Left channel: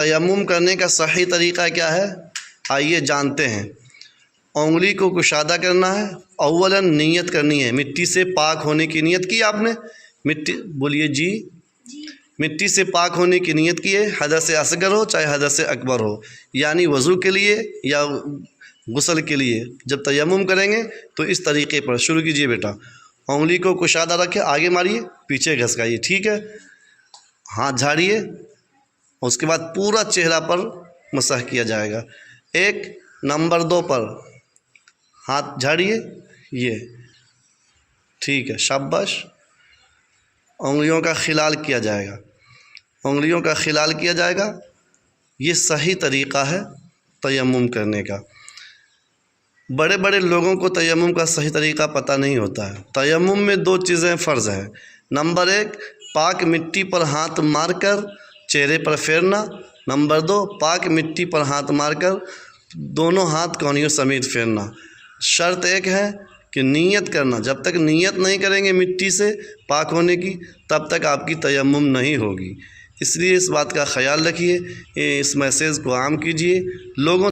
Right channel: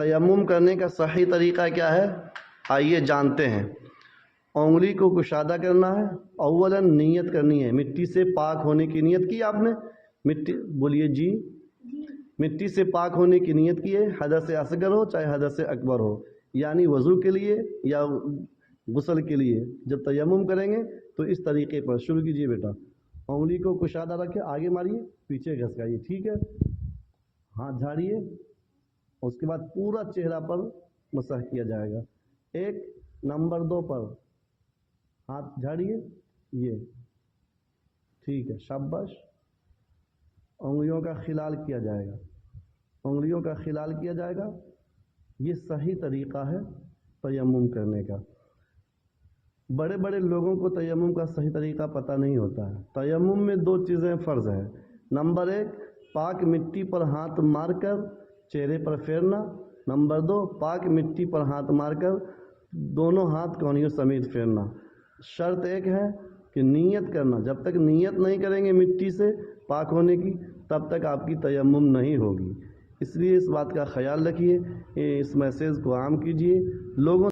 تیمم کرنے کا صحیح طریقہ کیا ہے؟ آئیے جانتے ہیں۔ انگلی کو کشادہ کرنا ہے، اولاً نیت کرنی ہے، مٹی سے پاک ہونے کی نیت کی آپ نے، بولیے جی، مٹی سے پاک ہونے کی نیت کی ہے، حدث اصغر ہو چاہے حدث اکبر ہو، یعنی وضو کے لیے یا غسل کے لیے جب تیمم کریں گے تو اس طریقے پر شروع کیجئے بیٹا۔ انگلی کو کشادہ رکھے، آگے ماریے، پیچھے گھسکائیے، ٹھیک ہے، ہاتھ جھاڑیے، اس کے بعد پورا چہرہ پر مسح کیا جائے گا۔ ایک نمبر 2 پر ہاتھ جھاڑیے، یہ ٹھیک ہے، شاباش۔ انگلیوں کا خلال کیا جائے گا، انگلیوں کا خلال کیا جائے گا۔ یہ صحیح طریقہ ہے تیمم کرنے کا۔ بڑے بڑے لوگوں کو تیمم کا صحیح طریقہ پتہ نہیں ہوتا ہے۔ تیمم میں 2 چیزیں فرض ہیں۔ نمبر 1 پاک مٹی پر ہاتھ مار کر چہرے پر پھیرنا، نمبر 2 پاک مٹی پر ہاتھ مار کر دونوں ہاتھ کونیوں سمیت پھیرنا۔ شرط ایک ہے کہ نیت کرنا، جب تک نیت نہیں کریں گے مٹی سے پاک ہونے کی تب تک آپ کی تیمم نہیں ہوگی۔ اس لیے اس بات کا خیال رکھیے، اس میسیج کو عام کیجیے، لوگوں